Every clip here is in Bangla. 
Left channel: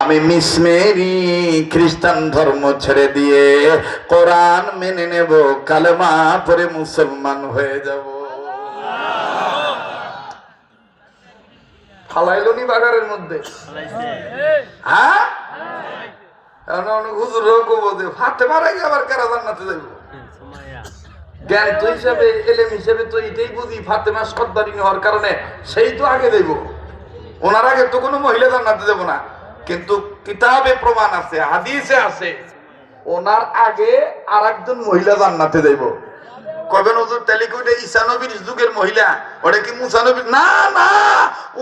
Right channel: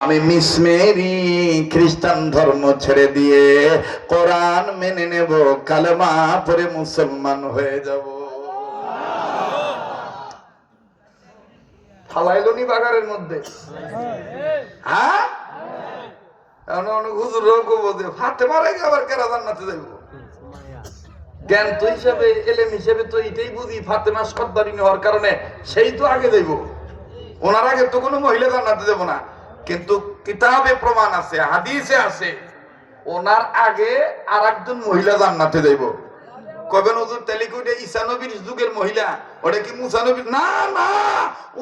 আমি মিস মেরি খ্রিস্টান ধর্ম ছেড়ে দিয়ে কোরআন মেনে নেব, কালেমা পড়ে মুসলমান হয়ে যাব। ফালাইলনি বাগারের মধ্যে, হ্যাঁ হুজুরও বলতে হাতে মারা গিয়ে আবার কারা জান্নাতে যাইব। জ্ঞান তো হিসাবে, এলেম হিসাবে তো এটাই বুঝি, ফাতেমা সর্দারিনী হওয়ার কারণে সেই তো আগে দেব, ওনার আগে তো কোনো মহিলা জান্নাতে দেব না। কিন্তু কিতাবে প্রমাণ আছে, হাদিসে আছে, ওনার আগে আর একজন মহিলা জান্নাতে দেব। কবেন হুজুর তাহলে কি ওটা ঈসা নবীর যুগের মহিলা? ওটা কি মুসা নবীর? না না,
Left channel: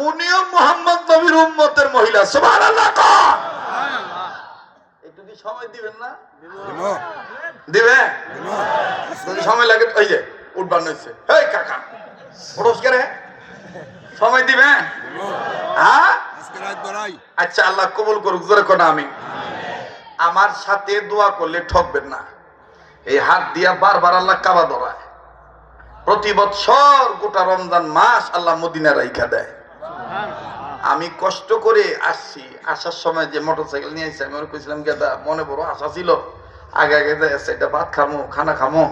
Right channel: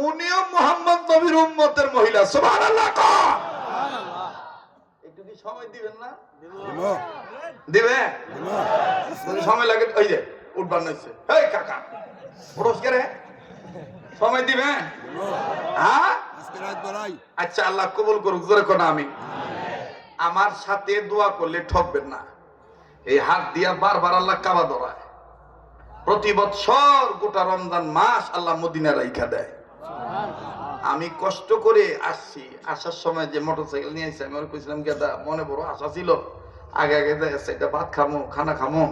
উনিও মুহাম্মদ নবীর উম্মতের মহিলা। সুবহানাল্লাহ। একটু কি সময় দিবেন না? দিবে যদি সময় লাগে। ওই যে উঠবার নইছে, এই কাকা পুরস্কার সময় দিবে? হ্যাঁ আচ্ছা, আল্লাহ কবুল করুক। জোরে কোন আমিন। আমার সাথে দোয়া করলে ঠকবেন না। এই হাত দিয়া বারবার আল্লাহ কাবা ধরায়। প্রতি বছর গোটা রমজান মাস আল্লাহ মদিনা রাইখা দেয়। আমি কষ্ট করে আসছি, আসার সময় যে মোটরসাইকেল নিয়ে আসছি, আমি ওর কইছিলাম গেদা মনে বড় আশা ছিল, আগে আগে এটা ভাত খামো, খানা খামো,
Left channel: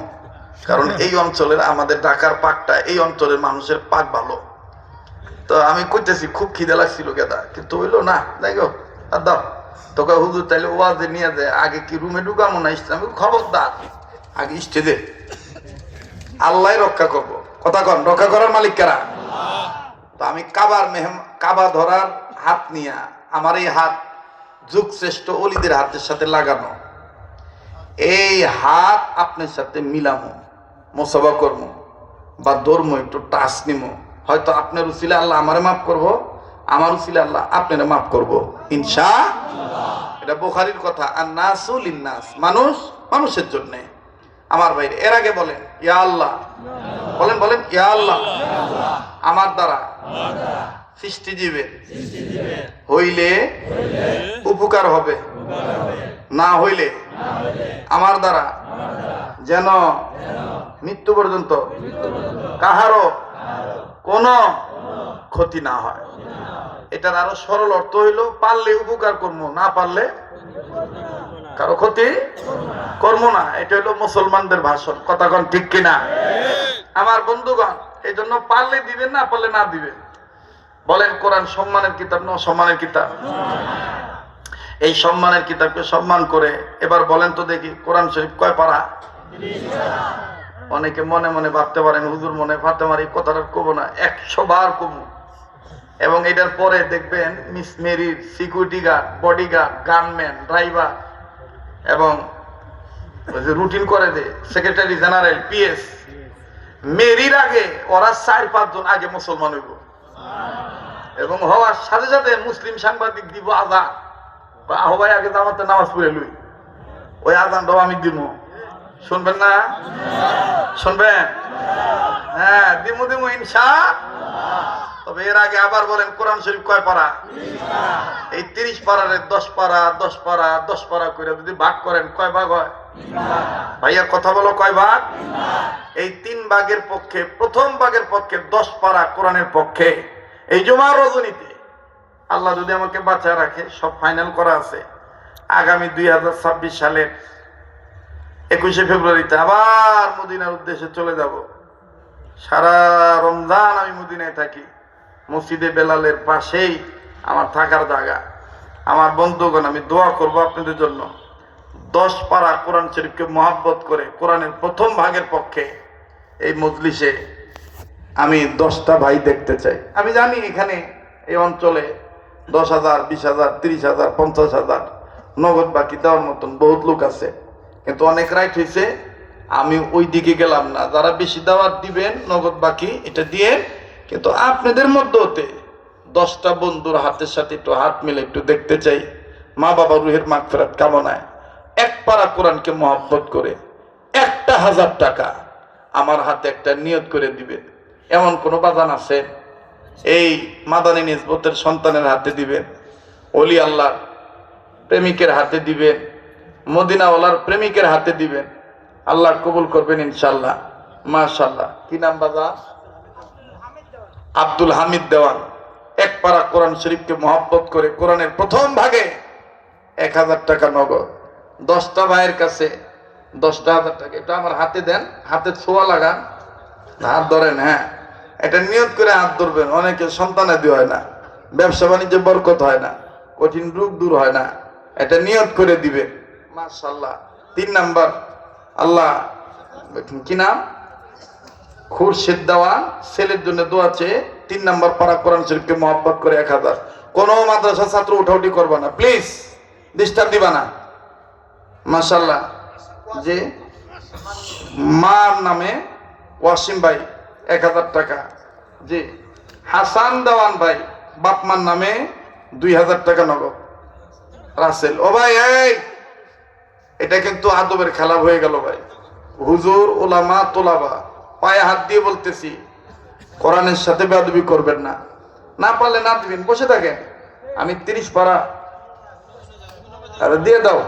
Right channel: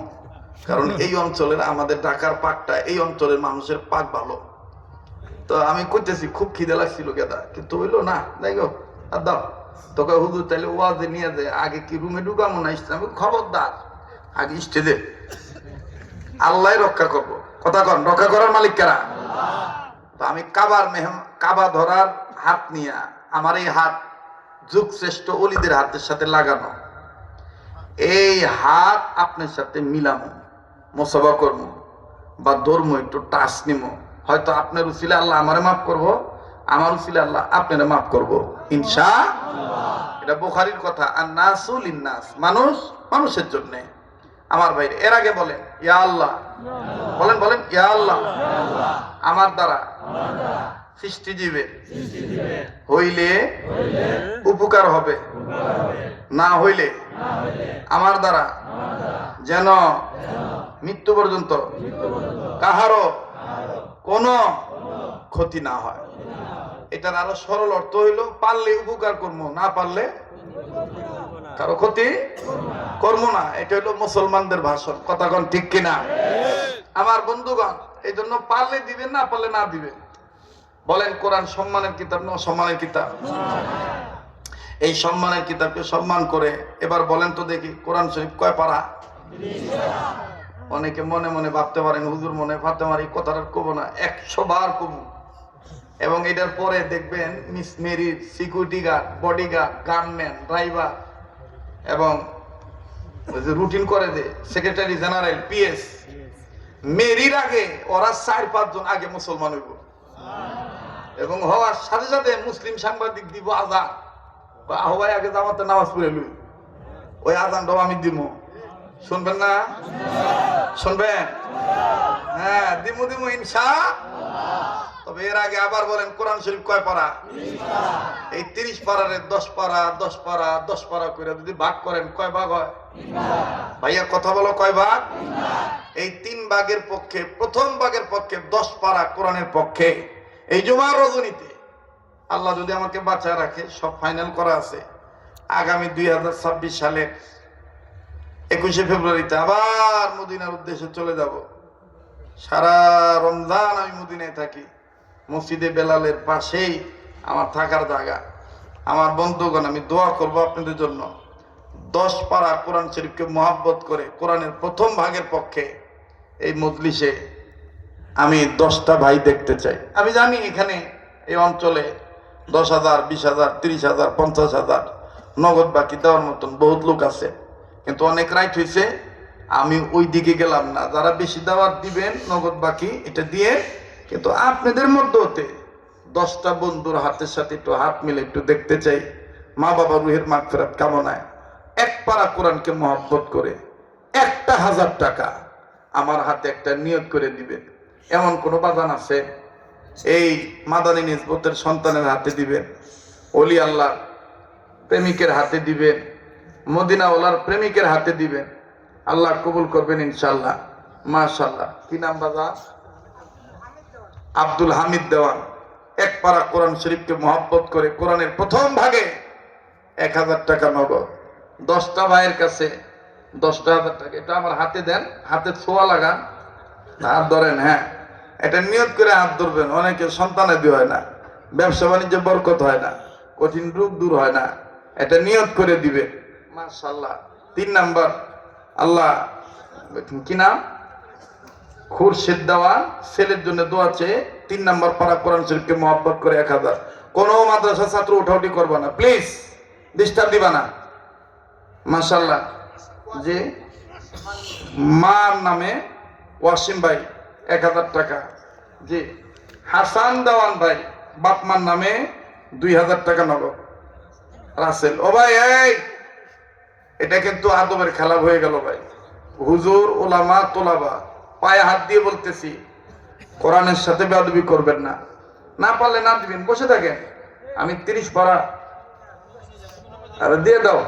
কারণ এই অঞ্চলের, আমাদের ঢাকার পাকটা, এই অঞ্চলের মানুষের পাক ভালো। তো আমি কইতেছি খুব খিদে লাগছিল গেদা, কিন্তু হইলো না। দেখো আর দাও তোকে হুজুর তাইলে ওয়াজে নিয়ে যায়, আগে কি রুমে ঢুকামো না ইসলাম? খবরদার, আগে স্টেজে। আল্লাহ রক্ষা করবো, কথা কন, রক্ষা করার মালিক কারা? তো আমি কাবা ধরার হাত নিয়ে, আমার এই হাত যুগ শ্রেষ্ঠ অলিদের হাতের সাথে লাগানো, এই হাত আপনার সাথে মিলামো, মোসাবা করবো বা ধর্ম একটু টাচ নিমো। হয়তো আপনার উসিলা আল্লাহ আমারে মাফ করবো, আমার উসিলা আল্লাহ আপনারা মাফ করবো ইনশাআল্লাহ। এটা বুখারীর কথা, আন-নাসু লিন-নাস, মানুষ মানুষের জন্য। আমার ভাইরে, এর আগে বলেন ইয়া আল্লাহ, বলেন বলেন ইয়া আল্লাহ, আমার দ্বারা সৃষ্টিজীবে হইলে উপকার হবে, না হইলে আমার দ্বারা যেন মৃত্যু পর্যন্ত কাহারও কোনো ক্ষতি না হয়। এটার আরো সরল অর্থ হইল, পারলে উপকার করবো, না পারলে কারো ক্ষতি করবো না। এটা হইলো মুসলমানদের ভাষণ, কথা কোন ঠিক কিনা? আমার বন্ধুগণ, এই জন্য পারলে দিবেন, না পারলে না দিবেন। বলেন কোরআন সম্মানের কিতাব না অসম্মানের কিতাব? এই সম্মানের কিতাবকে সম্মান করে এবার বলেন তো দেখি, কোরআন শরীফ কয় পারা? অনেকে মনে মনে ভাবতে পারেন হুজুর মনে ফাতেমার এই কথাটা কব না, 100 বার কব। এবং এটার পরে দেখবেন মিস মেরির security guard, bodyguard, gunman, driver এবং রুটিন করে দে সেক্রেটারি জেনারেল, পিএস, মেরির আগে ওরা 4-5 জন আগে মুসলমান হইব। এবং হওয়ার সাথে সাথে মুসলিম সাংবাদিক দিব আজান, বা আহ্বাই আগে জামাতে নামাজ পড়ে লই, ওই আজানটাও আমি দিব। শুনবেন না? শুনবেন? হ্যাঁ দিমু দিমু ইনশাআল্লাহ। তবে এর আগে আবার বলেন কোরআন শরীফ কয় পারা? এই 30 পারারে 10 পারা 10 পারা 10 পারা করে যদি ভাগ করেন কয় ভাগ হয়? ভাইয়া কথা বলো, কয় ভাগ? এই 3 ভাগের পক্ষে, প্রথম ভাগের পক্ষে 10 পারা কোরআনের পক্ষে। এই জুমার রজনীতে আল্লাহ যদি আমাকে বাঁচায় রাখে, সব ফাইনাল করা আছে, আগামী 2026 সালের 21শে ফেব্রুয়ারিতে আবার মদিনার উদ্দেশ্যে চলে যাব। সারা রমজান আমি মদিনায় থাকি, মসজিদে বেলালের পাশেই আমার থাকার জায়গা। আমার বন্ধুগণ, আমি দোয়া করব আপনাদের জন্য, 10 পারা কোরআন শরীফকে মহব্বত করে কোরআনের প্রথম ভাগের পক্ষে এই মজলিসে আমি 10টা ভাই দেখতে চাই। আমি জানি এখানে এই অঞ্চলে 10,000, 20,000, 30,000, 50,000 নগদ বাকি দেওয়ার মতন বহুত লোক আছে, কিন্তু অনেক রাইট হয়েছে, আমি ওই দিকে গেলাম না। যারা বেশি দাওয়াত দিবেন নগদ বাকি এটা দিয়ে, কিন্তু আপনাদের মধ্যে হতে 10টা বন্ধুর হাতের সাথে একটু হাত মিলে একটু দেখতে চাই, মা বাবা রুহের মাগফিরাত কামনায় 1 পারা কোরআনকে মহব্বত করে 1,000 টাকা আমার হাতে একটা নিয়ত করে দিবেন। এমন কোন বাজান আছে? এই মাদানী নিসবতের সন্তানের হাতে দিবেন, ওলি আল্লাহ প্রেমিকের হাতে দিবেন, মদিনাওয়ালার প্রেমিকের হাতে দিবেন, আল্লাহ কবুল করবেন ইনশাআল্লাহ। মাশাআল্লাহ। কি নাম বাবা? আব্দুল হামিদ দেওয়ান। 1 পারা কোরআন শরীফকে মহব্বত করে কোরআনের প্রথম ভাগে 1000 টাকা নগদ। 10টা ভাইয়ের কাছে 10,000 টাকা। এটা আমার হাতে দেন, হাতে ছোঁয়া লাগান, হাত ধরেন। হ্যাঁ, এটা নিয়ত করে হাত ধরবেন। অনেকে সন্তানাদি হয় না, ব্যবসা বাণিজ্যে বরকত হয় না, কঠিন রোগ দূর হয় না, এটা নিয়ত করে দিবেন। মাশাআল্লাহ। 3 নাম্বার, আল্লাহ কি নাম, খুরশিদ দেওয়া ছেলের জন্য দোয়া চেয়ে 3 নাম্বার পারা কোরআন শরীফকে মহব্বত করে 1000। কোন মাদ্রাসা ছাত্র উঠাউটি করবা না প্লিজ, ডিস্টার্ব দিবা না। মাশাআল্লাহ। যে মার নামে ওয়াসিম ভাই 1000 টাকা। জি হাসান দেওয়ান ভাই বাপমার নামে 2000 টাকা নগদ। রাসেল ও ভাই, এই এটা কিন্তু আদবের খেলা হয়ে গেল ভাই। হুজুর, ওলামা, তোলাবা, পায়ে হাত দিয়ে বলতেছি, কোরআনের সাথে বেয়াদবি করবেন না। না পারলে না দিবেন, বসে থাকেন। আমি 30 পারা আরে দিয়ে দাও।